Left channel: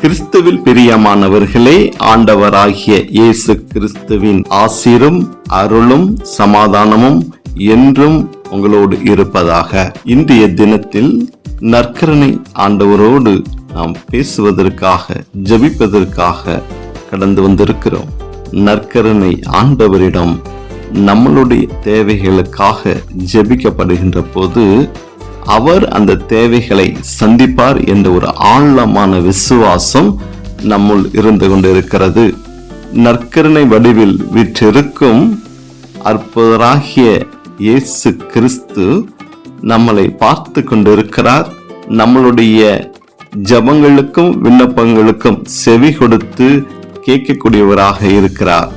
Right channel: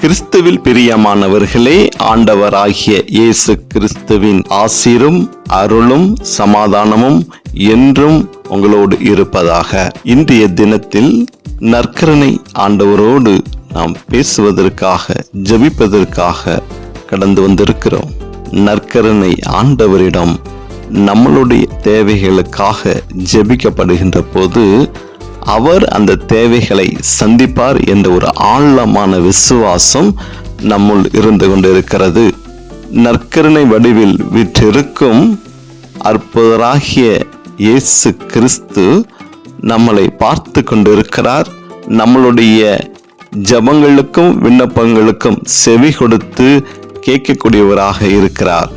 கிறிஸ்துவில் பிரியமானவர்களே, ஆண்டவராகிய இயேசு கிறிஸ்துவின் ஆசீரும் அருளும் சமாதானமும் என்றும் உங்களோடு இருப்பதாக. இன்றைய தினத்தில் நற்கருணை ஆண்டவரோடு நாம் பேசுவதற்காக, ஜெபிப்பதற்காக கடந்து வந்திருக்கிறோம். நற்கருணை ஆண்டவரிடம் நம்மளுடைய தேவைகளுக்காக ஜெபிக்கப்படுகின்ற போது அவர் அந்த தேவைகளை சந்திப்பார் என்ற ஒரு ஆழமான விசுவாசம் நம்முள் இருந்து கொண்டிருக்கிறது. நற்கருணை வடிவில் விற்றிருக்கும் அற்புதராகிய இயேசு கிறிஸ்து நம்மளை பார்த்து கொண்டிருக்கிறார். நம்மளுடைய ஜெபங்களுக்கும் விண்ணப்பங்களுக்கும் செவி கொடுத்து கேட்கக்கூடியவராக இருக்கிறார்.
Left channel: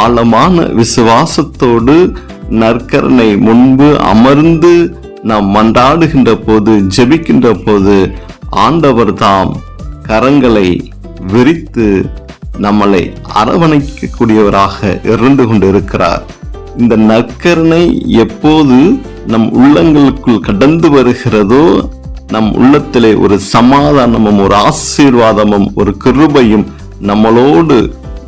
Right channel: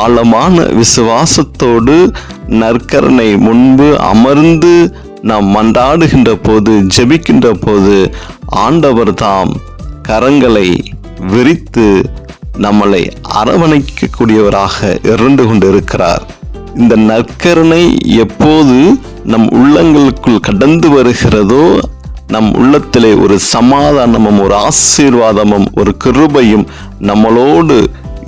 ஆழமான விசுவாசத்தோடு நற்கருணை முன்பு அமர்ந்து நாம் மன்றாடுகின்ற போது, ஜெபிக்கின்ற போது ஆண்டவர் தாம் கரங்களை விரித்து நம்மளை அரவணைக்கக்கூடியவராக இருந்து கொண்டிருக்கிறார். இந்த நற்கருணை எப்போது நம் உள்ளங்களுக்குள் கடந்து வருகிறதோ, நம் உள்ளத்திலே ஒரு சமாதானமும் ஒரு ஆசீர்வாதமும் ஒரு கிருபையும் நம்மளோடு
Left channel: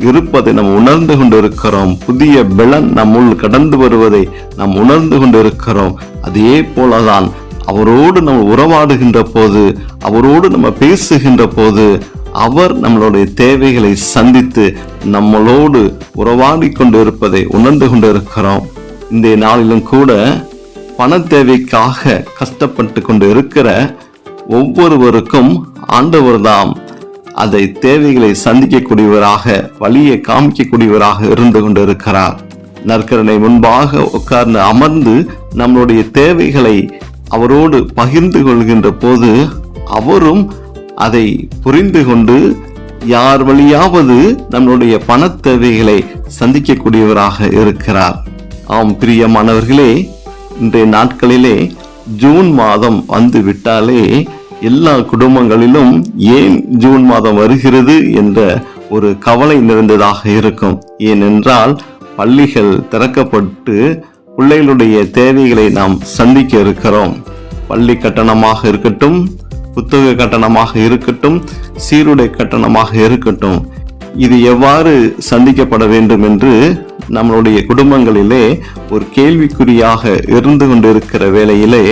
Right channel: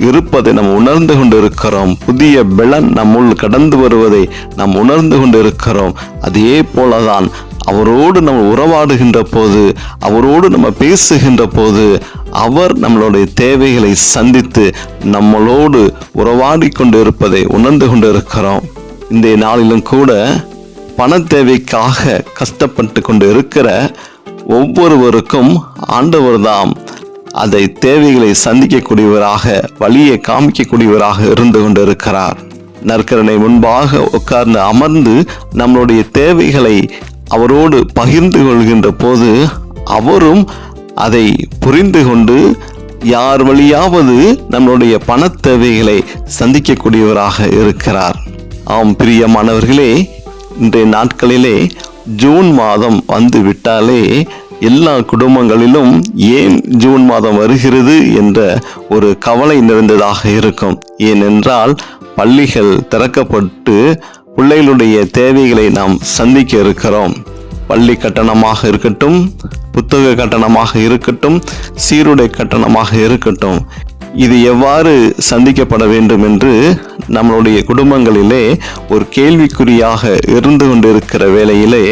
இருப்பதை நாம் உணர்ந்து கொண்டிருக்கிறோம். புதிய பலன் நம்முள் கடந்து வருவதை நாம் உணர்ந்து கொண்டிருக்கிறோம். அதே போலதான் அவரோடு நம்ம உறவாடுகின்ற போது, அவரோடு நம்ம பேசுகின்ற போது அவர் நம்மளுடைய தேவைகளை சந்தித்து நம்மளோடு உறவாடி கொண்டு இருப்பதை உணர்ந்து கொண்டிருக்கிறோம். இந்த நாளிலும் கூட பண தேவைக்காக கஷ்டப்பட்டு கொண்டு இருக்கிற ஒவ்வொருவருக்கும் ஆண்டவர்தாம் அதை தேவைகளை சந்திக்கக்கூடியவராக, வழியை காமிக்கக்கூடியவராக இருந்து கொண்டிருக்கிறார். நற்கருணை முன்பாக உட்கார்ந்து அமர்ந்து நம்மளுடைய தேவைகளை அவரோடு பகிர்ந்து கொள்கின்ற போது அவரும் அதை புரிந்து கொண்டு யார் வழியாவது நம்மளுடைய பண தேவைகளை சந்திக்கக்கூடியவராக இருக்கிறார். ஆம் பிரியமானவர்களே, இன்றைய நாட்களிலே ஜூன் மாதம் வந்து விட்டாலே எல்லா குடும்பங்களிலும் ஏன் ஜூன் மாதம் வருகிறது என்ற ஒரு கவலை நிறைந்ததாக இருக்கும். ஏனென்றால் பள்ளிகள் திறக்கப்பட்டு பிள்ளைகளுடைய தேவைகளை நாம் சந்திக்க இருக்கிறோம். பள்ளி கட்டணமாக இருக்கட்டும், புத்தக கட்டணமாக இருக்கட்டும், சீருடை கட்டணமாக இருக்கட்டும், இது எவ்வாறு சந்திக்கப்பட வேண்டும் என்று நம்மளுடைய குடும்பங்களிலே ஒரு கேள்விக்குறியாக இருந்து கொண்டிருக்கிற வேளையிலே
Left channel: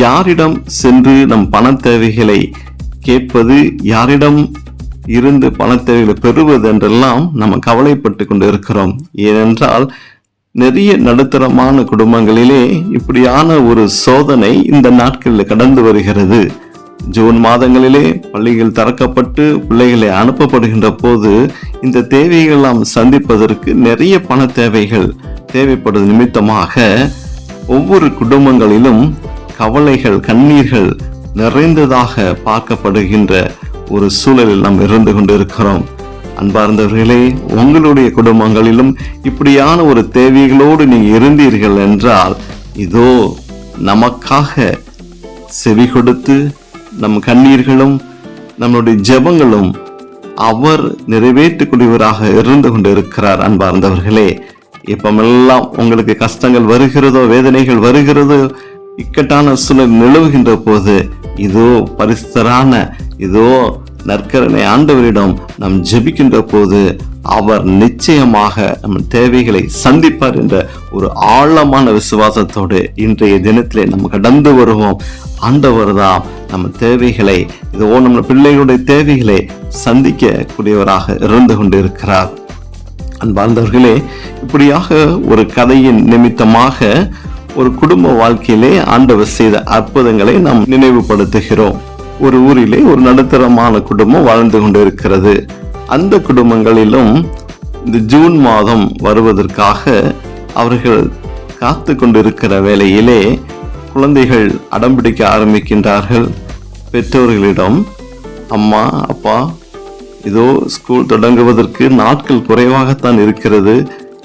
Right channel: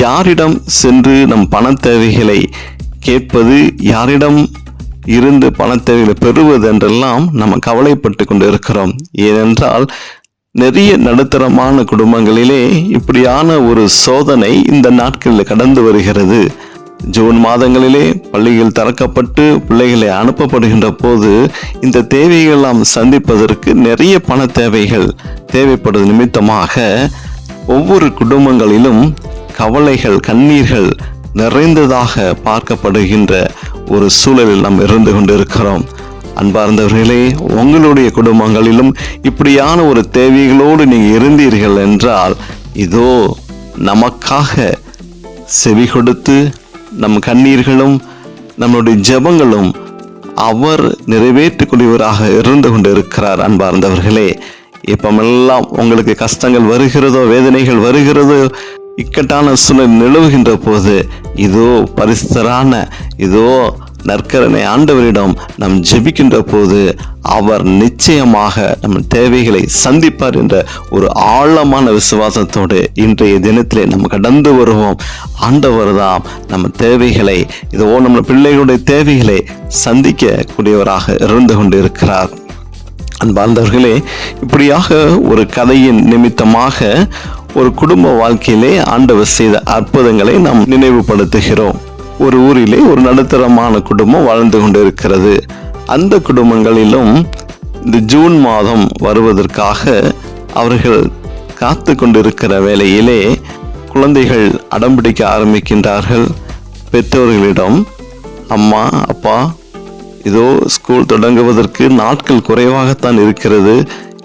யாரிடம் சென்று நம் பண தேவைகளை கேட்பது, யாரிடம் இருந்து பண தேவைகளை பெறுவது என்றெல்லாம் நம்ம கவலைப்பட்டு கொண்டு இருக்கிறோம். ஏனென்றால் நிறைய நடுத்தரமான குடும்பங்களிலே இப்படியான ஒரு சோதனை இந்த நாட்களில் கடந்து வருகிறது. ஜூன் மாதங்களிலே பள்ளிகள் திறக்கப்பட்டு பிள்ளைகளை அனுப்பப்படுகின்ற போது இந்த தேவைகளெல்லாம் சந்திப்பதற்கு நிறைய பண தேவைகள் தேவைப்படுவது நிமித்தமாக ஒவ்வொரு குடும்பங்களிலும் கவலைகள், கண்ணீர்கள் நிறைந்ததாக பார்க்கப்படுகின்ற ஒரு சூழலில் நாம் இருந்து கொண்டிருக்கிறோம். அன்பார்ந்தவர்களே, உங்களுடைய குடும்பங்களிலும் இப்படியான ஒரு தேவைகளோடு நீங்கள் இருந்தீர்கள் என்றால் இதோ நமக்காக செவி கொடுத்து நம் கண்ணீர்களும் நம்மளுடைய ஜெபங்களும் அவர் நிறைவேற்றக்கூடியவராக இருந்து கொண்டிருக்கிறார். அன்பார்ந்தவர்களே, எப்பமெல்லாம் உங்களுக்கு கஷ்டங்கள் வருகிறதோ, வேதனைகள் வருகிறதோ, இக்கட்டான சூழல் நிலவுகின்ற போது இதோ பரிசுத்தரான இதோ நற்கருணை ஆண்டவரிடம் நாம் ஜெபிக்கின்ற போது அவர் நிச்சயமாக நம் தேவைகளை சந்திப்பார் என்ற ஒரு ஆழமான விசுவாசத்தோடு இன்றைய தினத்திலே நம்ம கடந்து வருவோம். ஆண்டவர் தான் நம்ம தேவைகளை, இதோ நம்ம பிள்ளைகளுடைய தேவைகளை சந்திக்கக்கூடியவராக இருந்து கொண்டு இருக்கிறார். அன்பார்ந்தவர்களே, இப்படியாக ஒரு கதையின் நிமித்தமாக ஒரு குடும்ப வாழ்க்கையிலே ஆண்டவர் செய்த அற்புதங்களை நாம் நினைவுபடுத்துகிறோம். ஒரு ஊரிலே ஒரு நடுத்தரமான குடும்பம் வாழ்ந்து கொண்டிருக்கிறது. அந்த குடும்பங்களிலும் இந்த ஜூன் மாதம் வருவதற்காக அவர்கள் காத்து கொண்டிருக்கிற வேளையிலே குழந்தைகள் அடம்பிடிக்க ஆரம்பிக்கின்றார்கள். பெற்றோர்களிடம், அம்மா, அப்பா, இதோ ஸ்கூல் தொடங்குவதற்கு நாட்கள் குறைவாகத்தான் இருக்கிறது,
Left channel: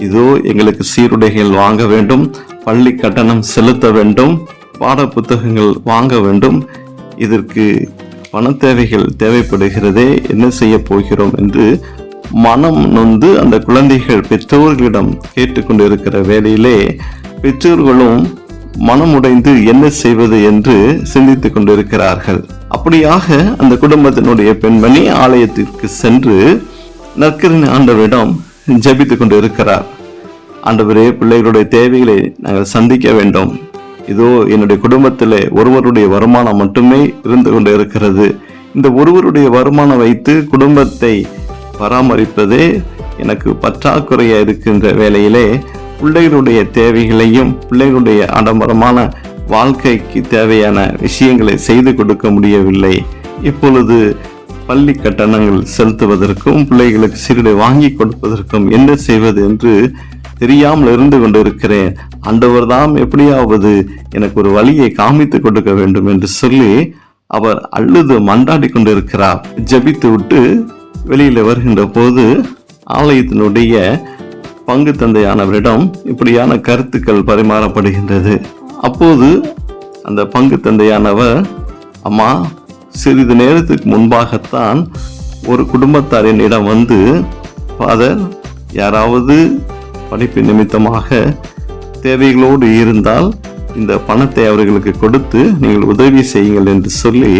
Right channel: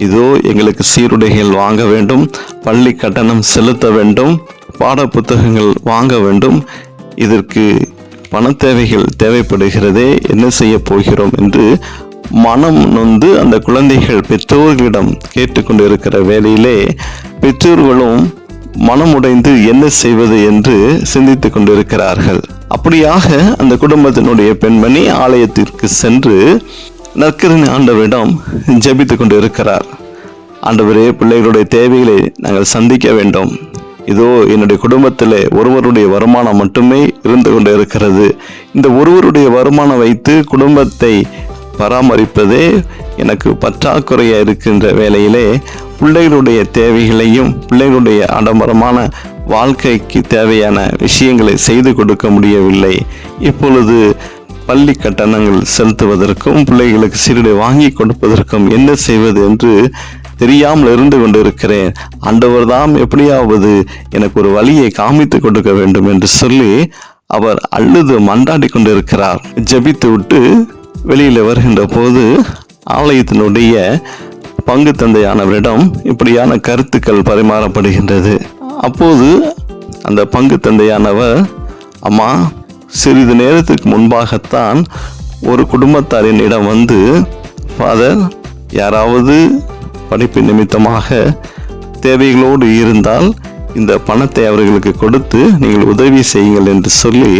இதோ எங்களுக்கு சீருடைகள் வாங்க வேண்டும், பள்ளி கட்டணம் செலுத்த வேண்டும், பாட புத்தகங்கள் வாங்க வேண்டும், இதற்கு பண தேவைகள் தேவைப்படுகிறதே, என்ன செய்ய போகிறோம் என்று மனம் நொந்து அந்த குழந்தைகள் பெற்றோர்களிடம் கேட்டுக்கொண்டு இருக்கிற வேளையிலே பெற்றோர்களும் மனமுடைந்து என்ன செய்வது என்று சிந்தித்துக் கொண்டிருக்கிறார்கள். அப்படியாக அந்த குடும்பத்தினுடைய பெண்மணி ஆலயத்திற்கு சென்று நற்கரணை ஆண்டவரிடம் ஜெபித்துக் கொண்டு இருக்கிறார். ஆண்டவரே, பிள்ளைகளுடைய தேவைகளை நாங்கள் சந்திக்க வேண்டும். இதோ என்னுடைய குடும்பத்தில் ஒருவருடைய வருமானம் மட்டுமே இருந்து கொண்டு இருக்கிறது. இந்த ஒருவருடைய வருமானம் வைத்து குடும்பத்தை பராமரிப்பதே எனக்கு பற்றாக்குறையா இருக்கின்ற வேளையிலே பிள்ளைகளுடைய தேவைகளையும் பிள்ளைகளுடைய ஆடம்பரமான வாழ்க்கைக்கு தேவையான விஷயங்களை செய்து கொடுக்க முடியவில்லை. இப்பொழுது பள்ளி கட்டணங்கள் செலுத்துவதற்கும் பிள்ளைகளுக்கு சீருடை வாங்கி கொடுப்பதற்கும் என்ன செய்வது என்று தெரியாமல் இருந்து கொண்டிருக்கிறேன். ஆண்டவர் தான் எப்படியாவது எனக்கு ஒரு வழியை காமித்து கொடுக்க வேண்டும் என்று சொல்லி அவர் அழுது மன்றாடி கொண்டிருக்கிறார். ஜெபித்து விட்டு வெளியில வருகின்ற போது ஆலயத்தினுடைய பங்கு தந்தையானவரிடம் இப்படியான கருத்துக்கள் பரிமாறப்படுகின்றது. அப்போது அந்த பங்கு தந்தையானவர், அம்மா, சிறிது நேரத்துக்கு முன்பாகத்தான் ஒரு குடும்பத்தாரின் இடம் வந்து, ஃபாதர், யாராவது படிப்பு நிமித்தமாக தேவைகளோடு இருந்தால் இந்த பணத்தை அவர்களுக்கு கொடுத்து நீங்கள் உதவி செய்யுங்கள் என்று சொல்லி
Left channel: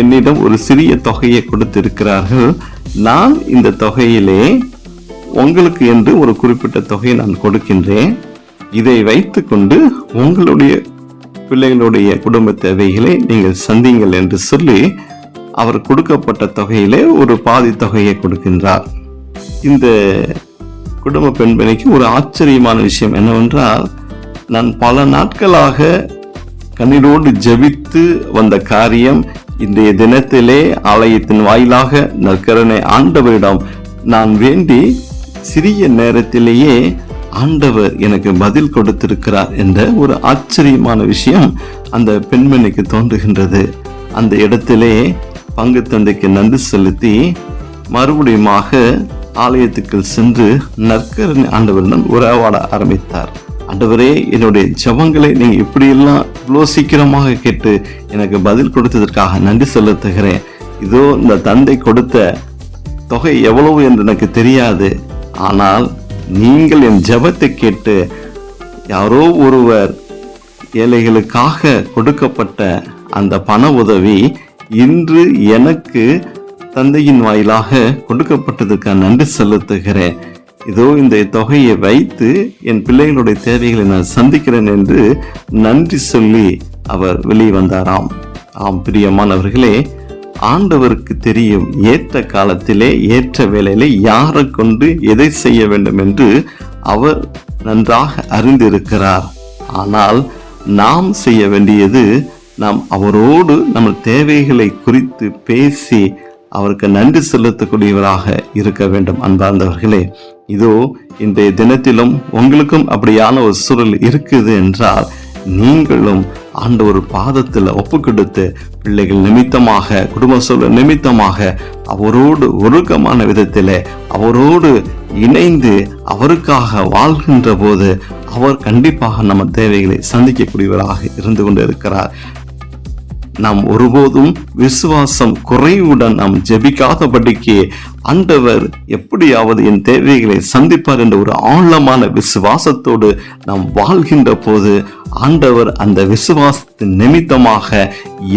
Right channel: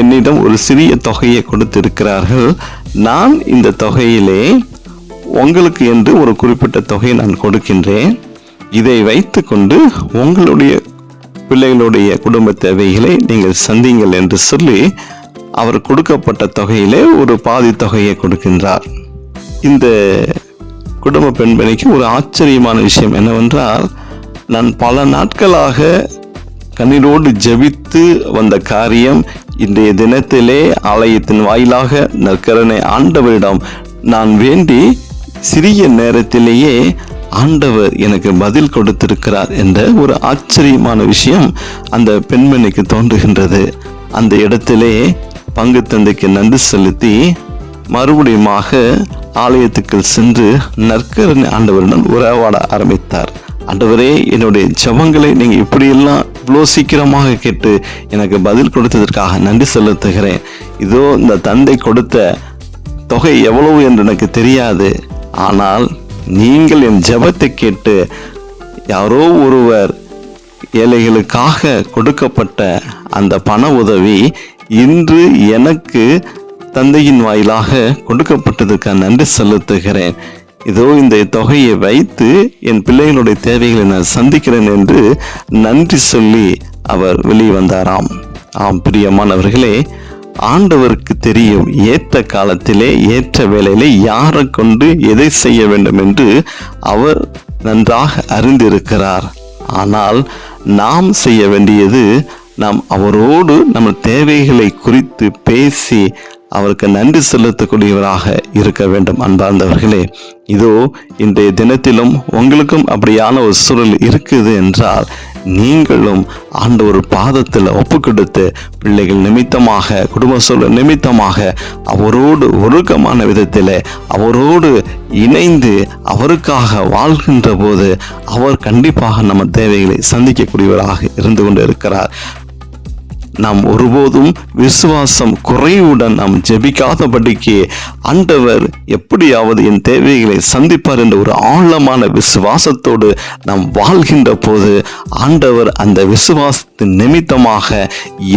என்னிடம் ஒரு சிறிய தொகையை கொடுத்திருக்கிறார்கள். நான் இந்த தொகையிலே உங்களுக்கு என்று ஒரு குறிப்பிட்ட தொகையை நான் கொடுக்கின்றேன். இதை வைத்து கொண்டு உங்களுடைய பிள்ளைகளுடைய குடும்ப தேவைகளை நீங்கள் சந்திங்கள் என்று சொல்லி அவர் கொடுக்கப்பட்ட தொகையிலே ஒரு பாதி தொகையை கொடுக்கின்றார். இந்த குடும்ப பெண்மணிக்கு ஒரு ஆச்சரியமான விஷயம் என்னவென்றால், நான் பல நாட்களாக கண்ணீரோடு ஜெபித்து வந்த காரியம் இன்றைய தினத்திலே ஆலயத்தின் வாயிலாக நற்கரணை ஆண்டவரிடம் நான் வேண்டி சிறிய நேரத்திலேயே ஆண்டவர் எனக்கு பதில் கொடுத்திருக்கிறார் என்ற ஒரு ஆச்சரியமான விஷயம் அந்த பெண்மணிக்கு தோன்றுகின்றது. அந்த இடத்திலே பங்கு தந்தைக்கு நன்றி செலுத்தி மறுபடியுமாக ஆலயத்துக்கு சென்று நற்கரணை ஆண்டவரிடம் உறவாட ஆரம்பித்தார். ஆண்டவரே, என்னுடைய ஜெபங்களை நீங்கள் இப்படியெல்லாம் இவ்வளோ சீக்கிரமாக கேட்டு எனக்கு பதில் கொடுத்ததற்காக நன்றி செலுத்துகிறேன். இதோ இந்த தந்தை கொடுத்த தொகை எவ்வளவு என்று எனக்கு தெரியாது. ஆனால் நீங்கள் என் ஜெபத்தை கேட்டு யாரோ ஒருவர் ஏழைகளுக்காக கொடுக்கப்பட்ட அந்த பண உதவி இன்று எனக்கு தந்தையின் வாயிலாக கொடுக்கப்பட்டதுக்காக நன்றி செலுத்துகிறேன். இதோ இந்த தொகையை வைத்து என் பிள்ளைகளுடைய தேவைகளை நான் சந்திக்கிறேன் என்று நன்றி சொல்லி அவர் வெளியே வந்தாராம். ஆம் பிரியமானவர்களே, ஆண்டவருக்கு தெரியும் ஏற்ற காலத்திலே ஏற்ற வேளையிலே யாரை கொண்டு எதை செய்ய வேண்டும் என்று அவர் நன்றாக அறிந்திருக்கிறார். ஆனால் நாம் செய்ய வேண்டியது, நாம் அவரோடு நம்ம தேவைகளை குறித்து பேசி அவருக்கு நன்றி செலுத்தக்கூடியவராக இருக்க வேண்டும். அன்பார்ந்தவர்களே, இதோ இன்றைய தினத்திலும் உங்களுக்கும் அப்படியான ஒரு சூழல் இருக்குது என்றால் நீங்களும் ஆண்டவர் பாதத்தில் ஒப்பு கொடுத்து பிள்ளைகள் நிமித்தமாக, குடும்ப சூழல் நிமித்தமாக அவரோடு ஒழுக்கமான விதத்தில் அவரோடு இணைந்து அவருக்காக வாழ்கின்ற போது அவர் கண்டிப்பாக நம்ம தேவைகளை சந்திக்கக்கூடியவராக இருந்து கொண்டு இருக்கிறார். நாம் ஒருபோதும் விசுவாசம் குறைவுடன் நாம் ஜெபிக்காதபடிக்கு ஆண்டவர் எப்படியாவது என் தேவைகளை சந்திப்பார் என்ற ஒரு ஆழமான விசுவாசத்தோடு நாம் வாழ்கின்ற போது ஆண்டவர் அந்த விசுவாசத்தின் நிமித்தமாக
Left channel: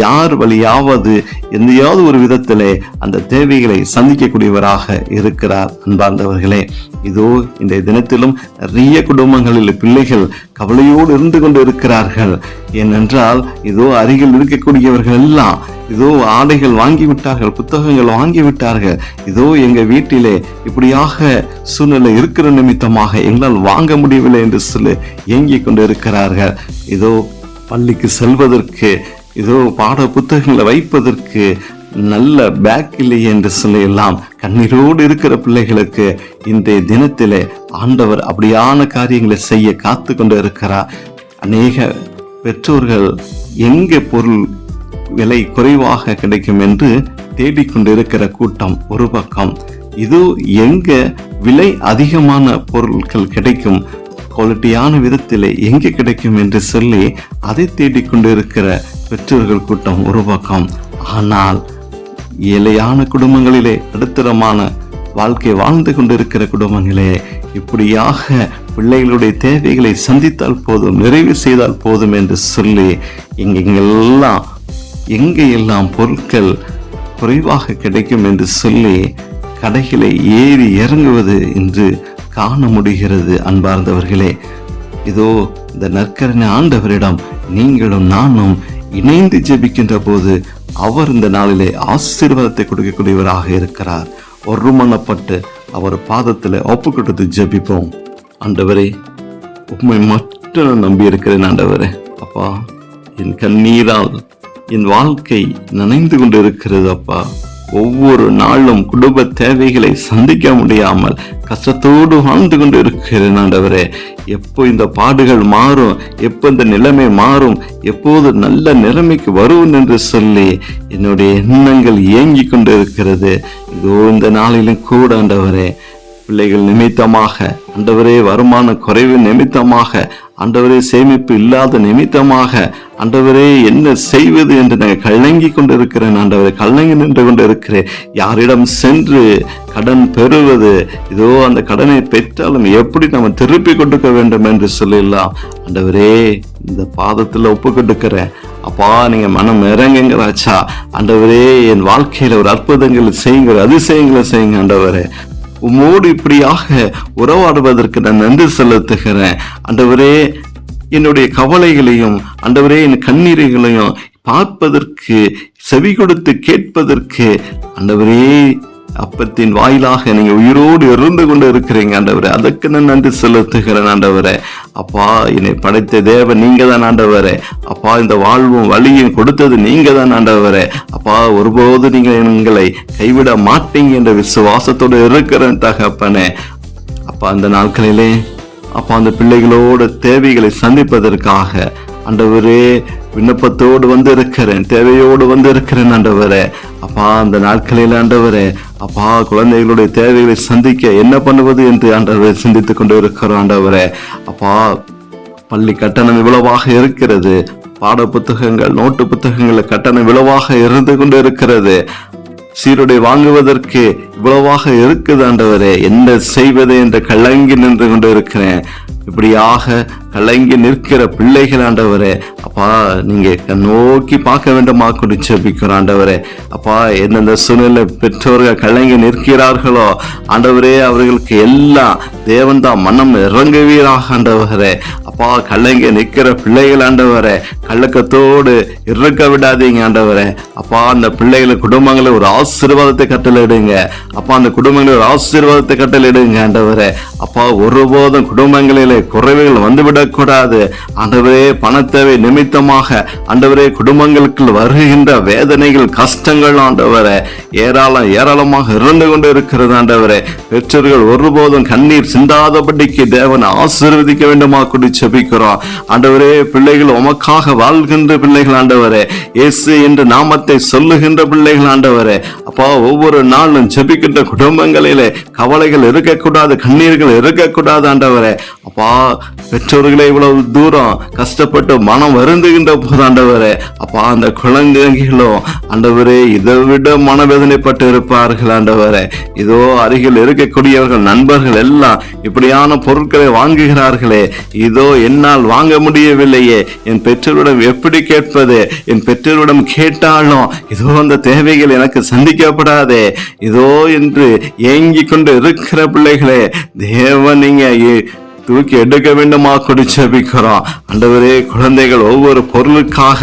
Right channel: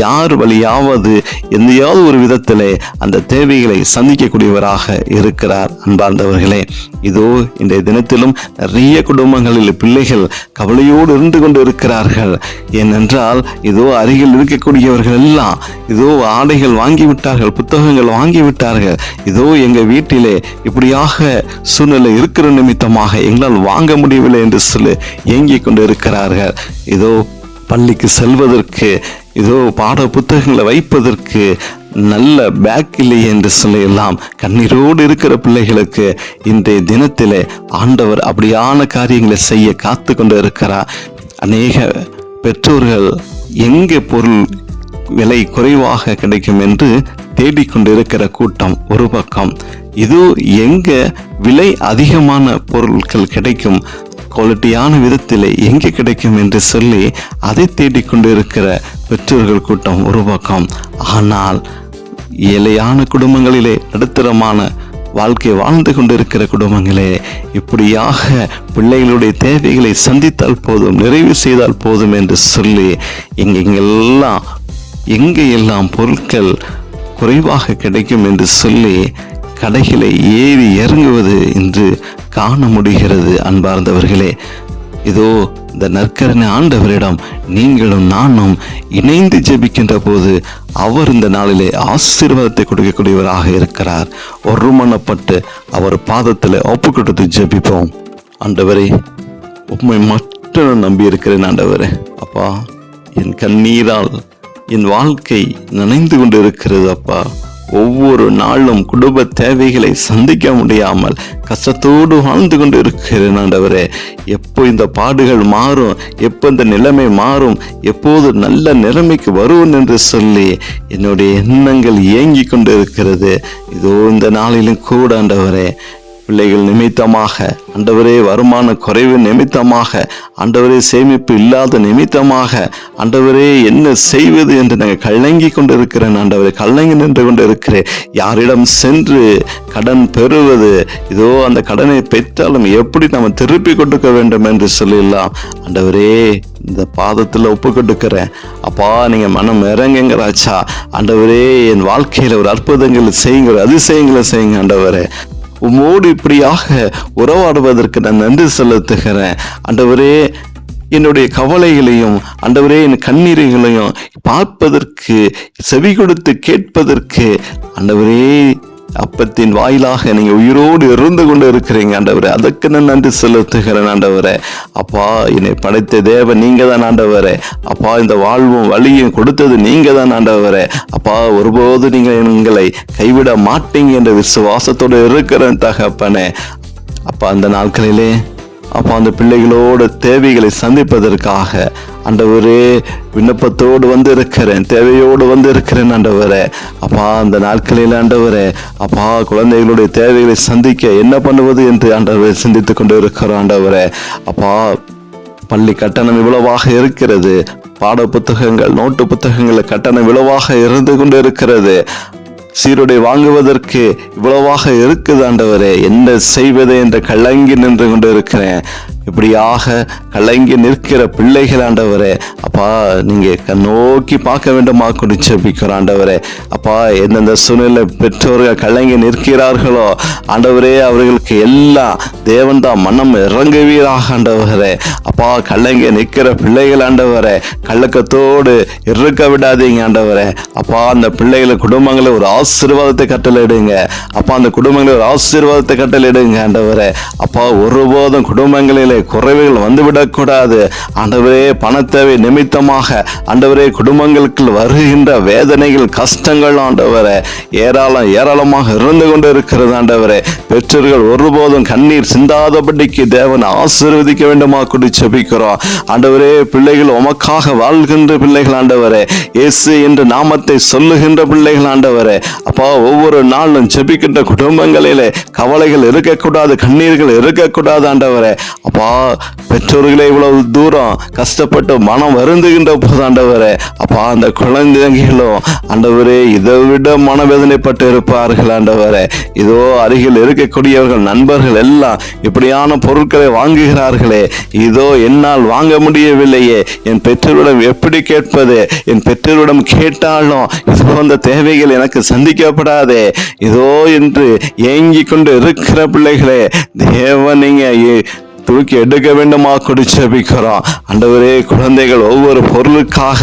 யார் வழியாவது எந்தையாவது ஒரு விதத்திலே அந்த தேவைகளை சந்திக்கக்கூடியவராக இருக்கிறார். அன்பார்ந்தவர்களே, இதோ இன்றைய தினத்திலும் நிறைய குடும்பங்களில் பிள்ளைகள் கவலையோடு இருந்து கொண்டு இருக்கிறார்கள். ஏனென்றால் இதோ அருகில் இருக்கக்கூடியவர்கள் எல்லாம் இதோ ஆடைகள் வாங்கிவிட்டார்கள், புத்தகங்கள் வாங்கிவிட்டார்கள். இதோ எங்க வீட்டிலே இப்படியாக சூழ்நிலை இருக்கிற நிமித்தமாக எங்களால் வாங்க முடியவில்லை என்று சொல்லி ஏங்கிக் கொண்டு இருக்கிறார்கள். இதோ பள்ளிக்கு செல்வதற்கு, இதோ பாட புத்தகங்களை வைப்பதற்கு நல்ல பேக் இல்லை என்று சொல்லி எல்லாம் கண்ணீரோடு இருக்கிற பிள்ளைகளுக்கு இன்றைய தினத்திலே ஆண்டவர் அப்படியான காரியங்களை செய்ய காத்து கொண்டு இருக்கிறார். அநேக பெற்றோர்கள் எங்கே பொருள் விலை குறைவாக கிடைக்கும் என்று தேடிக்கொண்டிருக்கிற கூட்டம் ஒரு பக்கம், இது எங்க விலை அதிகமான பொருட்கள் கிடைக்கும், குவாலிட்டியான விதத்தில் எங்கே கிடைக்கும் என்று சொல்லி அதை தேடிக்கொண்டிருக்கிற பெற்றோர்கள் கூட்டம் ஒரு பக்கம். ஆனால் ஏழையான குடும்பங்களிலே நடுத்தரமான வாழ்க்கை வாழ்ந்து கொண்டிருக்கிற குடும்பங்களே இப்படியாக பிள்ளைகளுடைய தேவைகளை சந்தித்தால் போதும், நிறைவு செய்தால் போதும் என்று சொல்லி எங்கெங்கெல்லாம் எங்கே எல்லாம் பொருட்கள் குறைவாக கிடைக்கும் என்று சொல்லி கடைகளை ஏறி இறங்குவது என்று காண முடிகிறது. அன்பார்ந்தவர்களே, இதோ இந்த நற்கரணை ஆண்டவரிடம் நீங்களும் நானும் இணைந்து ஜெபிக்கின்ற போது அவர் இந்த நாளிலே ஆசீர்வாதத்தை கொடுக்கக்கூடியவராக இருக்கிறார். ஒருமனப்பட்டு அவர் பாதத்தில் ஒப்பு கொடுத்து ஜெபிப்போம். ஆண்டவரே, உம்மை மட்டும் நம்பி இருக்கிறேன். ஆண்டவரே, அப்பா, என் கண்ணீரால் என் வாழ்க்கை நனைந்து கொண்டு இருக்கிறது. அப்பா, ஒவ்வொரு நாளும் குடும்ப தேவைகளை சந்திக்க முடியாமல் கஷ்டத்தோடு வாழ்ந்து கொண்டு இருக்கிறேன். ஆண்டவரே, எப்போ இந்த பாடுகள் மாறும், எப்போ இந்த நிலைமை மாறும், எப்போது நல்ல நிலைமைக்கு வருவோம் என்று சொல்லி என்னுடைய எண்ணங்கள் இயங்கி கொண்டு இருக்கிறது. இதோ இந்த நாளிலும் கூட ஆண்டவரே, பிள்ளைகள் நிமித்தமாக, ஆண்டவரே வருமான குறைவு நிமித்தமாக, ஆண்டவரே சேமிப்பு இல்லாத நிமித்தமாக, ஆண்டவரே என்ன செய்வது என்று நான் கலங்கி கொண்டு இருக்கிறேன். ஆண்டவரே, கலங்கி நின்று கொண்டு இருக்கிறேன். யாரிடம் சென்று கடன் பெறுவது, இதோ அந்த கடனை பெற்றாலும் எப்படி நம்ம திருப்பி கொடுக்க வேண்டும் என்று சொல்லலாம். ஆண்டவரே, இந்த பாதத்தில் ஒப்பு கொடுக்கிறேன். அப்பா, நீங்க மனம் இறங்குங்களாச்சா. ஆண்டவரே, என் வாழ்க்கையில ஒரு அற்புதங்களை செய்யுங்க, ஒரு அதிசயங்களை செய்யுங்க. ஆண்டவரே, உம்மோடு இப்படியாக உறவாடுவதற்கு நான் நன்றி செலுத்துகிறேன். ஆண்டவரே, என்னுடைய கவலைகளையும், ஆண்டவரே, என் கண்ணீர்களையும் பார்ப்பதற்கு, செவி கொடுத்து கேட்பதற்கு, ஆண்டவரே, அப்பத்தின் வாயிலாக நீங்க உயிரோடு இருந்து கொண்டு இருக்கிறீங்க. ஆண்டவரே, அதற்கு நான் நன்றி செலுத்துகிறேன். ஆண்டவரே, அப்பா, என்னை படைத்த தேவன் நீங்க தான். ஆண்டவரே, அப்பா, இந்த வாழ்வும் வழியும் கொடுத்தது நீங்க தான். ஆண்டவரே, அப்பா, ஒருபோது நீங்க எங்களை கைவிட மாட்டீங்க என்ற விசுவாசத்தோடு இருக்கிறேன் தகப்பனே. அப்பா, அந்த நாட்களிலே அப்பா, அந்த பிள்ளைகளோட தேவைகளை சந்திப்பதற்காக ஆண்டவரே விண்ணப்பத்தோடு வந்து இருக்கிறேன், தேவையோடு வந்து இருக்கிறேன். ஆண்டவரே, அப்பா, அந்த நாட்களில் ஆண்டவரே, அப்பா, குழந்தைகளுடைய தேவைகளை சந்திக்க என்ன பண்ணுவது என்று ஆண்டவரை சிந்தித்துக் கொண்டு இருக்கிறோம். ஆண்டவரே, அப்பா, பள்ளி கட்டணம் இவ்வளவாக இருக்கிறது, பாட புத்தகங்கள், நோட்டு புத்தகங்கள் கட்டணம் இவ்வளவாக இருந்து கொண்டு இருக்கிறது, சீருடை வாங்குவதற்கு இவ்வளவாக இருக்குது. ஆண்டவரே, என்ன செய்வது என்று கலங்கி நின்று கொண்டு இருக்கிறேன். இப்படியாக கலங்கி நிற்கிற பிள்ளைகள் ஆண்டவரே, அப்பா, நீங்க நோக்கி பார்க்க வேண்டுமா கொண்டு ஜெபிக்கிறோம். ஆண்டவரே, அப்பா, எந்தெந்த சூழ்நிலை பெற்றோர்கள் கலங்கி நிற்கிறார்களோ ஆண்டவரே, அவர்களுக்கு எல்லாம் தேவன் தான் மனம் இறங்குவீராக. ஆண்டவரே, அப்பா, கலங்கி நிற்கிற பிள்ளைகள் ஆண்டவரே, கலக்கத்தோடு இருக்க விடாதீங்க. ஆண்டவரே, அப்பா, அந்த பிள்ளைகளை குடும்பங்களை ஒரு ஆசீர்வாதத்தை கட்டளையிடுங்க. அப்பா, அந்த குடும்பங்களை ஒரு ஆசீர்வாதத்தை கட்டளையிடுங்க. ஆண்டவரே, அப்பா, ஒருபோதும் குடும்பங்களிலே குறைவுகள் வந்துவிடக்கூடாது. ஆண்டவரே, பணத்தேவை நிமித்தமாக ஆண்டவரே குடும்பங்களுக்கு வருகின்ற வேதனைகள், கஷ்டங்கள் ஆண்டவரே ஏராளமாக இருந்து கொண்டு இருக்கிறது. ஆண்டவரே, பெற்றோர்கள் ஒருபோதும் கண்ணீர் சிந்தாதபடிக்கு தேவன் ஆசீர்வதிக்க வேண்டுமா கூடி ஜெபிக்கிறோம். ஆண்டவரே, பிள்ளைகள் உமக்காக வாழ்கின்ற பிள்ளைகள் ஆண்டவரே, இயேசு என்று நாமத்தை சொல்லுகின்ற பிள்ளைகள் ஆண்டவரே, அப்பா, ஒவ்வொரு நாளும் ஜெபிக்கின்ற குடும்பங்களிலே கவலைகள் இருக்கக்கூடாது, கண்ணீர்கள் இருக்கக்கூடாது. ஆண்டவரே, அப்பா, பெற்றோர்களே இவ்வளவு தூரம் கஷ்டப்பட்டு மனம் வருந்துகின்ற போது ஆண்டவரே, அப்பா, அந்த குழந்தைகளும் ஆண்டவரே இதை விட மனவேதனைப்பட்டு இருப்பார்கள். ஆண்டவரே, இதோ அருகில் இருக்கக்கூடியவர்கள், நண்பர்கள் எல்லாம் இப்படியான பொருட்களை வாங்குகிறார்களே, இதோ என்னால் வாங்க முடியவில்லையே, என் பெற்றோரிடம் எப்படி கேட்பது, என் பெற்றோரிடம் கேட்டாலும் இதோ அந்த தேவைகள் எனக்கு சந்திக்கப்படாதே, இதோ என்று ஏங்கி கொண்டு இருக்கிற பிள்ளைகளே, தேவன் நீங்க தூக்கி எடுக்க வேண்டுமா கொடி ஜெபிக்கிறோம். ஆண்டவரே, குழந்தைகள் ஒவ்வொரு பொருளுக்காக,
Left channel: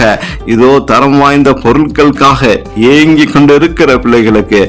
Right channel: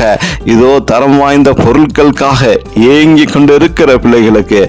இதோ தரம் வாய்ந்த பொருட்களுக்காக ஏங்கி கொண்டு இருக்கிற பிள்ளைகளுக்கு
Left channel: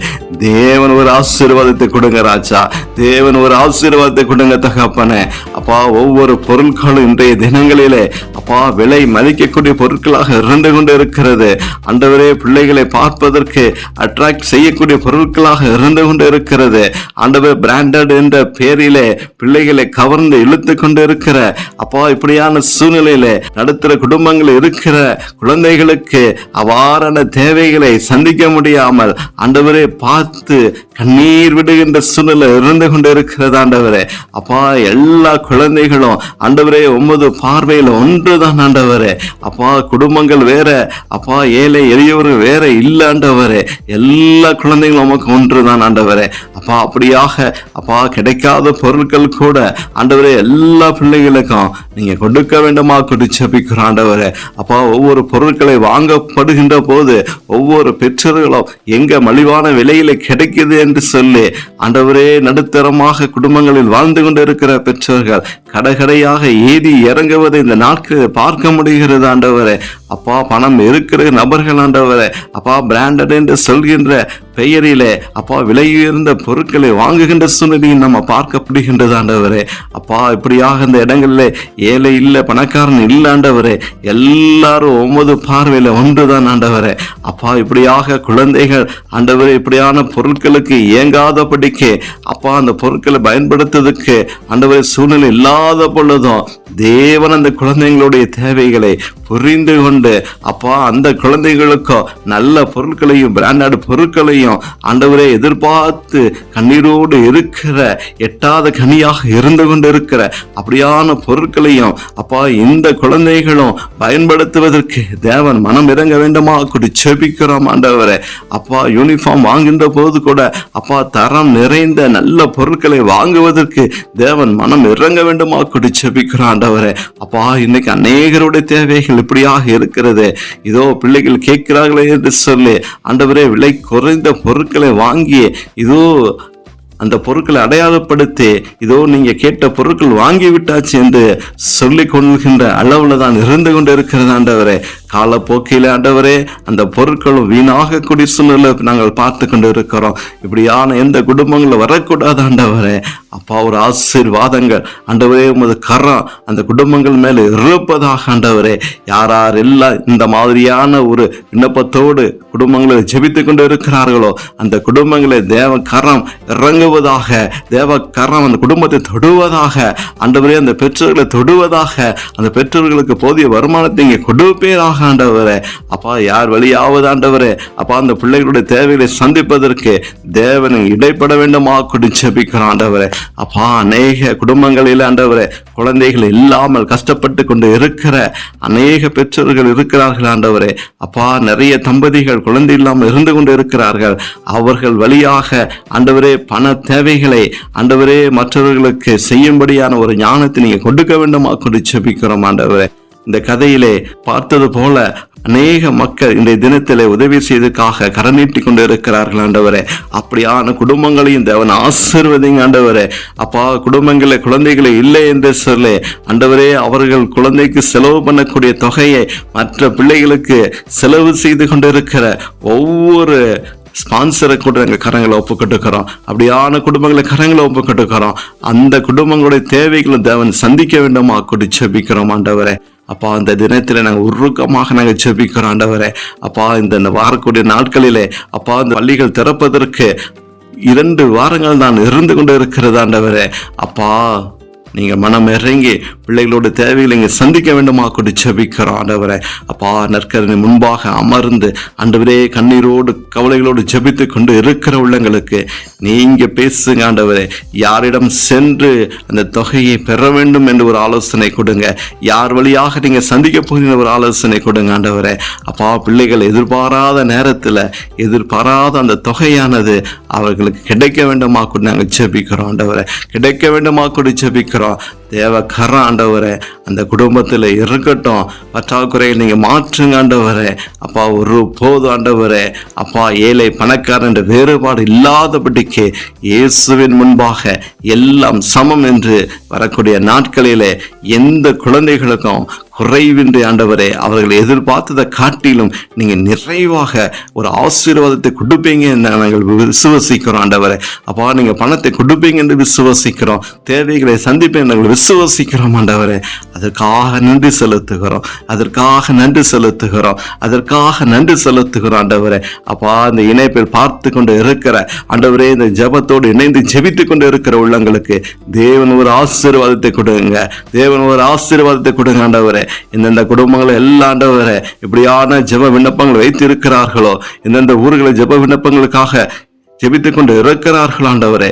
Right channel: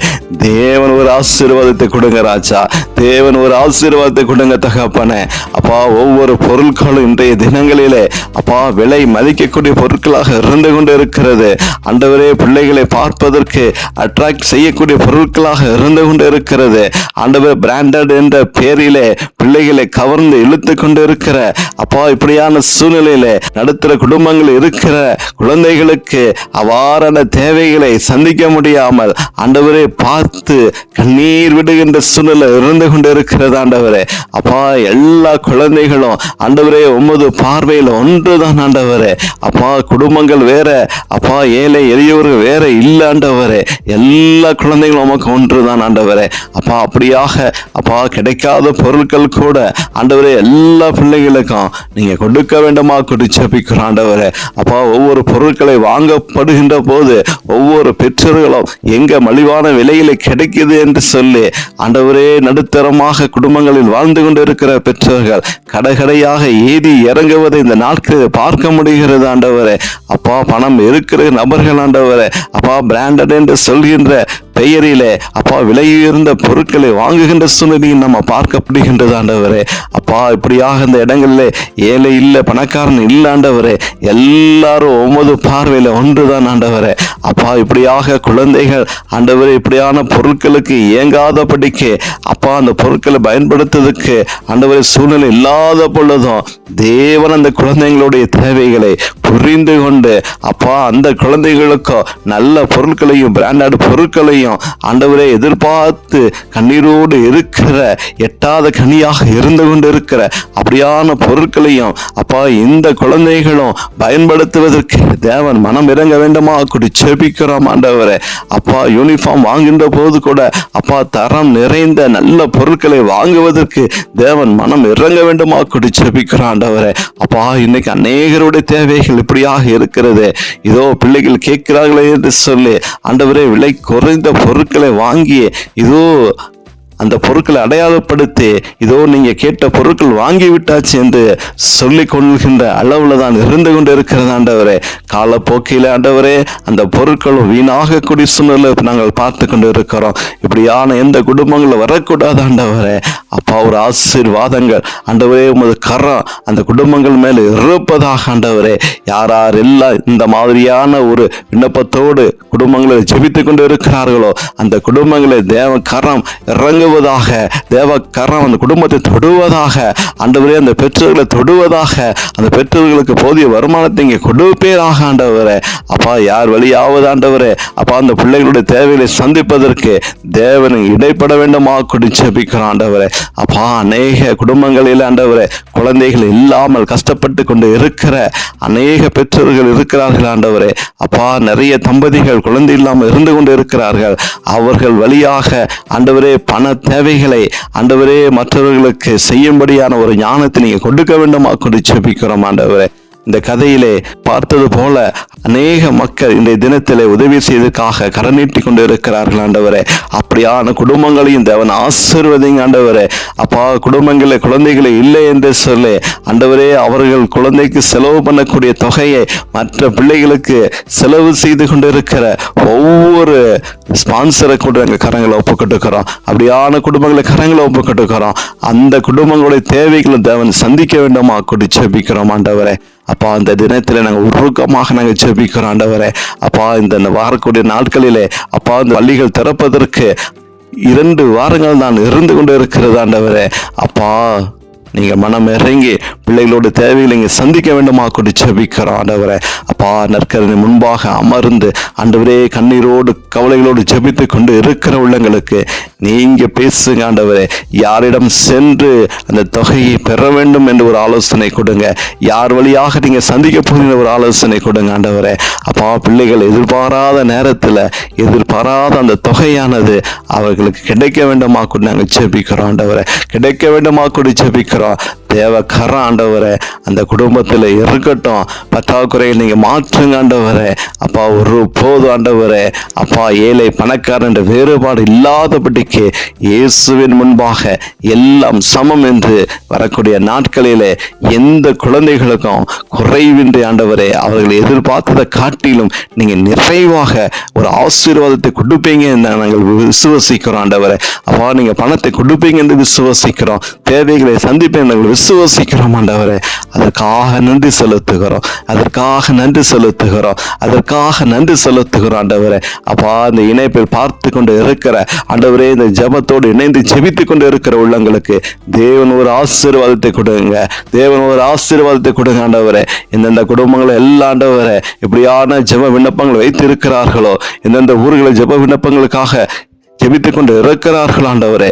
தேவன் ஒரு ஆசீர்வாதத்தை கொடுங்க ராஜா, தேவன் ஒரு ஆசீர்வாதத்தை கொடுங்க தகப்பனே. அப்பா, ஒவ்வொரு பொருட்களும் இன்றைய தினங்களிலே அப்பா விலை மதிக்கக்கூடிய பொருட்களாக இருந்து கொண்டு இருக்கிறது. ஆண்டவரே, பிள்ளைகளை பார்ப்பதற்கு அட்ராக்ட் செய்யக்கூடிய பொருட்களாக இருந்து கொண்டு இருக்கிறது. ஆண்டவர் பிராண்டட் என்ற பெயரிலே பிள்ளைகளை கவர்ந்து இழுத்து கொண்டு இருக்கிற அப்பா, இப்படியான சூழ்நிலையில நடுத்தர குடும்பங்கள் இருக்கிற குழந்தைகளுக்கு அவ்வாறான தேவைகளை சந்திக்க முடியாமல் ஆண்டவரே பார்த்து கண்ணீர் விடுகின்ற சூழ்நிலை இருந்து கொண்டு இருக்கிறது. ஆண்டவரே, அப்பா, எல்லா குழந்தைகளும் ஆண்டவரே உமது பார்வையில் ஒன்றுதான். ஆண்டவரே, அப்பா, குடும்பங்கள் வேற, அப்பா, ஏழை எளியவர்கள் வேற இல்ல. ஆண்டவரே, எல்லா குழந்தைகளும் உமக்கு ஒன்றுதான். ஆண்டவரே, அப்பா, அப்படியாக அப்பா கிடைக்காத பொருட்கள் கூட ஆண்டவரே ஆண்டவரே எல்லா பிள்ளைகளுக்கும் நீங்க கொடுக்க வேண்டுமா ஜெபிக்கிறோம் ஆண்டவரே. அப்பா, ஒவ்வொரு பொருட்களை வாங்கப்படுகின்ற போது ஒவ்வொரு பெற்றோர்களும் எங்க மலிவான விலையில கிடைக்குது என்று சொல்லி ஆண்டவரே நடுத்தரமாக குடும்பங்களில் வாழ்ந்து கொண்டு இருக்கிற பெற்றோர்கள் கடைகடையாக ஏறி இறங்குவதை இந்த நாட்களில் பார்க்க முடிகிறது ஆண்டவரே. அப்பா, பணம் இருக்கிற நபர்கள் ஆண்டவரே, அப்பா பிராண்டட் என்று சொல்கின்ற பெயரிலே அப்பா விலையுயர்ந்த பொருட்களை வாங்குகின்ற சூழ்நிலையும் நம்ம பார்க்கப்படுகின்றது ஆண்டவரே. அப்பா, இப்படியாக இந்த இடங்களில் ஏழை இல்லை பணக்காரன் இல்லை ஆண்டவரே, எல்லாரும் ஒவ்வொரு பார்வையில ஒன்றுதான் ஆண்டவரே. அப்பா, இப்படியாக குழந்தைகள் ஆண்டவரே இப்படியான பொருட்களுக்கு இயங்காதபடிக்கு அப்பா அந்த பொருட்களை பயன்படுத்துவதற்கு ஆண்டவரே சூழ்நிலை இல்லாத பொழுதும் தேவன் அந்த குழந்தைகளுடைய தேவைகளை புரிந்து கொண்டு அப்பா அந்த குழந்தைகளுக்கும் நல்ல பொருட்களையும் பிராண்டட் பொருட்களையும் ஆண்டவரே எதிர்பார்த்து கண்ணீரோடு இருக்கிற எட்டாத கனியாக இருந்து கொண்டு இருக்கிற அப்படியான பொருட்களையும் அப்பா இந்த குழந்தைகளும் பயன்படுத்துவதற்கு தேவன் மனம் இறங்க வேண்டுமா கூடி ஜெபிக்கிறோம் ஆண்டவரே. அப்பா, யூனிஃபார்ம் வாங்குகின்ற போது கூட அப்பா தரம் நிறைந்த நல்ல பொருட்களை வாங்குவதற்கு தேவன் மனம் இறங்க வேண்டுமா கூடி ஜெபிக்கிறோம் ஆண்டவரே. அப்பா, இன்னைக்கு அநேகருடைய தேவைகள் இப்படியாக இருக்கிறது. இதோ பிள்ளைகள் கேட்கிறார்களே என்று சொல்லி ஆண்டவரே விலை குறைந்த பொருட்களை வாங்கி இதோ அந்த பொருட்களை அடையாளப்படுத்தி இதோ நீங்க கேட்ட பொருட்கள் வாங்கி விட்டாச்சு என்று சொல்லிக் கொள்கின்ற அளவுல தான் இருந்து கொண்டு இருக்கிறது ஆண்டவரே. காலப்போக்கில ஆண்டவரே அந்த பொருட்களும் வீணாக கூடிய சூழ்நிலை நாங்கள் பார்த்து கொண்டு இருக்கிறோம். இப்படியான எந்த குடும்பங்களும் வரக்கூடாது ஆண்டவரே. அப்பா, ஒரு ஆசீர்வாதங்கள் ஆண்டவரே உமது கரம் அந்த குடும்பங்கள் மேல இருப்பதாக ஆண்டவரே. யார் எல்லாம் இந்த மாதிரியான ஒரு விண்ணப்பத்தோடு குடும்பங்களை ஜெபித்துக் கொண்டு இருக்கிறார்களோ அந்த குடும்பங்களை தேவ கரம் இறங்க தேவ கரம் அந்த குடும்பத்தை தொடுவதாக ஆண்டவரே, அந்த பெற்றோர்களை தொடுவதாக, அந்த பெற்றோர்களுக்கு போதிய வருமானத்தை இங்கே கொடுப்பேராக ஆண்டவரே. அப்பா, யார் வழியாவது ஆண்டவரே அப்பா அந்த பிள்ளைகளுடைய தேவைகளை சந்திப்பதற்கு தேவனை இடைப்பட வேண்டுமா கொண்டு ஜெபிக்கிறோம் ஆண்டவரே. அப்பா, அநேக குடும்பங்களில் ஆண்டவரே குழந்தைகள் இல்லாமல் கஷ்டப்பட்டு கொண்டு இருக்கிற அநேக பெற்றோர்கள் இருக்கிறார்கள் ஆண்டவரே. அப்பா, நிறைய தம்பதிகள் குழந்தை இல்லாமல் இருந்து கொண்டு இருக்கிறார்கள். அவர்கள் வழியாக ஆண்டவரே பண தேவைகளை ஆண்டவரே மற்றவர்களுக்கு செய்யும்படியான ஒரு ஞானத்தை நீங்க கொடுக்க வேண்டுமா கொண்டு ஜெபிக்கிறோம் ஆண்டவரே. இந்த கதையிலே பார்த்தது போல அநேக மக்கள் இந்த தினத்திலே உதவி செய்வதற்காக கரம் நீட்டி கொண்டு இருக்கிறார்கள் ஆண்டவரே. அப்படியான குடும்பங்களையும் தேவன் ஆசீர்வதிங்க ஆண்டவரே. அப்பா, குடும்பங்களில் குழந்தைகளை இல்லை என்று சொல்லி ஆண்டவரே அவர்கள் குழந்தைக்கு செலவு பண்ணக்கூடிய தொகையை மற்ற பிள்ளைகளுக்கு செலவு செய்து கொண்டு இருக்கிற ஒவ்வொரு ஸ்பான்சரை கூட எங்கள் கரங்களை ஒப்புக்கொட்டுக்கிறோம். அப்படியான குடும்பங்களை கரங்களை ஒப்புக்கொட்டுக்கிறோம். அந்த குடும்பங்களுடைய தேவைகளை தேவன் சந்திக்க வேண்டுமா கூடி ஜெபிக்கிறோம் ஆண்டவரே. அப்பா, அந்த தினத்தில் நாங்கள் உருக்கமாக நாங்கள் ஜெபிக்கிறோம் ஆண்டவரே. அப்பா, இந்த வாரக்கூடிய நாட்களிலே அப்பா இந்த பள்ளிகள் திறப்பதற்கு 2 வாரங்கள் தான் இருந்து கொண்டு இருக்கிறது ஆண்டவரே. அப்பா, நீங்கள் மனம் இறங்கி பிள்ளைகளோட தேவைகளை இங்கே சந்திக்க வேண்டுமா கொண்டு ஜெபிக்கிறோம் ஆண்டவரே. அப்பா, நற்கரணை முன்பாக அமர்ந்து ஆண்டவரே கண்ணீரோடு கவலைகளோடு ஜெபித்து கொண்டு இருக்கிற உள்ளங்களுக்கு நீங்க பேசுங்க ஆண்டவரே. யாரிடம் சென்று அந்த தொகையை பெற வேண்டும் என்று ஒரு ஆலோசனை கொடுங்க. யார் வழியாக நீங்க சந்திக்க போகிற ஒரு ஆலோசனை கொடுங்க ஆண்டவரே. அப்பா, பிள்ளைகள் எதிர்பாராத நேரத்தில் எதிர்பாராத அந்த தொகையானது அவர்களுக்கு கிடைக்க வேண்டுமா கொண்டு நாங்கள் ஜெபிக்கிறோம் ஆண்டவரே. கிடைக்க வேண்டுமா கொண்டு ஜெபிக்கிறோம். தேவ கரம் ஆண்டவரே அந்த குடும்பத்தில் இருக்கட்டும். பற்றாக்குறையை நீங்க மாற்றுங்க ஆண்டவரே. அப்பா, ஒரு போது ஆண்டவரே அப்பா ஏழை பணக்காரன் என்ற வேறுபாடு இல்லாதபடிக்கு இயேசுவின் முன்பாக எல்லாம் சமம் என்று வரக்கூடிய நாட்களிலே எந்த குழந்தைகளுக்கும் குறைவின்றி ஆண்டவரே அவர்கள் எதிர்பார்த்ததை காட்டிலும் நீங்க நிறைவாக ஒரு ஆசீர்வாதத்தை கொடுப்பீங்க என்று நாங்கள் விசுவசிக்கிறோம் ஆண்டவரே. அப்பா, நீங்க பணத்தை கொடுப்பீங்க என்று விசுவசிக்கிறோம். தேவைகளை சந்திப்பேன் நாங்கள் விசுவசிக்கிறோம் ஆண்டவரே. அதற்காக நன்றி செலுத்துகிறோம். அதற்காக நன்றி செலுத்துகிறோம். அதற்காக நன்றி செலுத்துகிறோம் ஆண்டவரே. அப்பா, இந்த இணைப்பில் பார்த்து கொண்டு இருக்கிற ஆண்டவரே இந்த ஜெபத்தோடு இணைந்து ஜெபித்து கொண்டு இருக்கிற உள்ளங்களுக்கு தேவன் ஒரு ஆசீர்வாதத்தை கொடுங்க. தேவன் ஒரு ஆசீர்வாதத்தை கொடுங்க ஆண்டவரே. எந்தெந்த குடும்பங்களை எல்லா ஆண்டவரே இப்படியான ஜெப விண்ணப்பங்கள் வைத்து இருக்கிறார்களோ, எந்தெந்த ஊர்களை ஜெப விண்ணப்பங்களுக்காக ஜெபித்துக் கொண்டு இருக்கிறார்கள் ஆண்டவரே.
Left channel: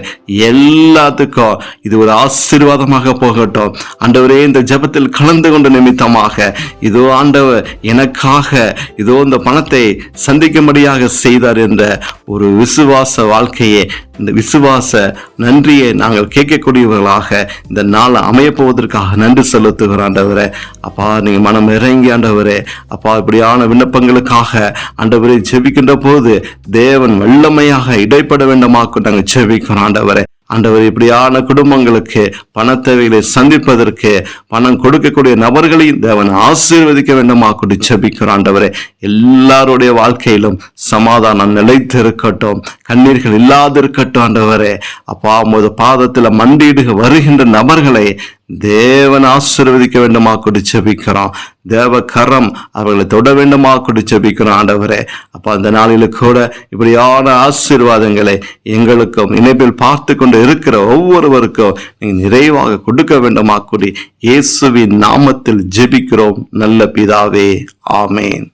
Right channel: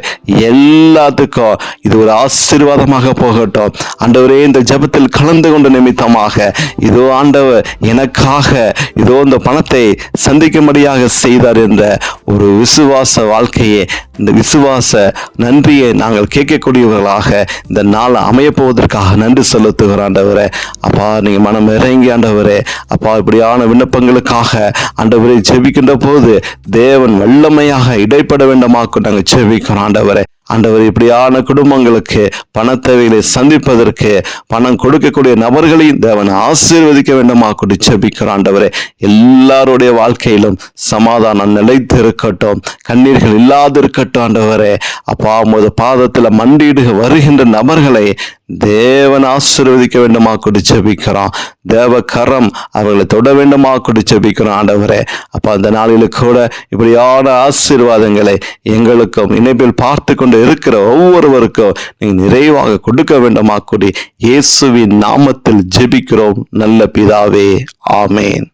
எல்லாத்துக்கும் இது ஒரு ஆசீர்வாதமாக போகட்டும் ஆண்டவரே. இந்த ஜெபத்தில் கலந்து கொண்ட நிமித்தமாக இதோ ஆண்டவர் எனக்காக இதோ இந்த பணத்தை சந்திக்கும்படியாக செய்தார் என்ற ஒரு விசுவாச வாழ்க்கையை, இந்த விசுவாச நன்றியை நாங்கள் கேட்கக்கூடியவர்களாக இந்த நாள் அமைய போவதற்காக நன்றி செலுத்துகிற ஆண்டவரே. அப்பா, நீங்க மனம் இறங்கி ஆண்டவரே, அப்பா, இப்படியான விண்ணப்பங்களுக்காக ஆண்டவரை ஜெபிக்கின்ற போது தேவன் வல்லமையாக இடைப்பட வேண்டுமாக்கு நாங்கள் ஜெபிக்கிறோம் ஆண்டவரே. ஆண்டவர், இப்படியான குடும்பங்களுக்கு பண தேவைகளை சந்திப்பதற்கு பணம் கொடுக்கக்கூடிய நபர்களையும் தேவன் ஆசீர்வதிக்க வேண்டுமா கூடி ஜெபிக்கிறோம் ஆண்டவரே. எல்லாருடைய வாழ்க்கையிலும் சமாதானம் நிலைத்து இருக்கட்டும், கண்ணீர்கள் இல்லாது இருக்கட்டும் ஆண்டவரே. அப்பா, உமது பாதத்தில் மண்டியிடு வருகின்ற நபர்களை தேவன் ஆசீர்வதிக்க வேண்டுமா கூடி ஜெபிக்கிறோம். தேவ கரம் அவர்களை தொட வேண்டுமா கூடி ஜெபிக்கிறோம் ஆண்டவரே. அப்பா, அந்த நாளில் கூட இப்படியான ஆசீர்வாதங்களை எங்களுக்கும் இணைப்பில் பார்த்து கொண்டு இருக்கிற ஒவ்வொருவருக்கும் நீங்க நிறைவாக கொடுக்க வேண்டுமா கூடி இயேசுவின் நாமத்தில் ஜெபிக்கிறோம் நல்ல பிதாவே. ஆமேன்.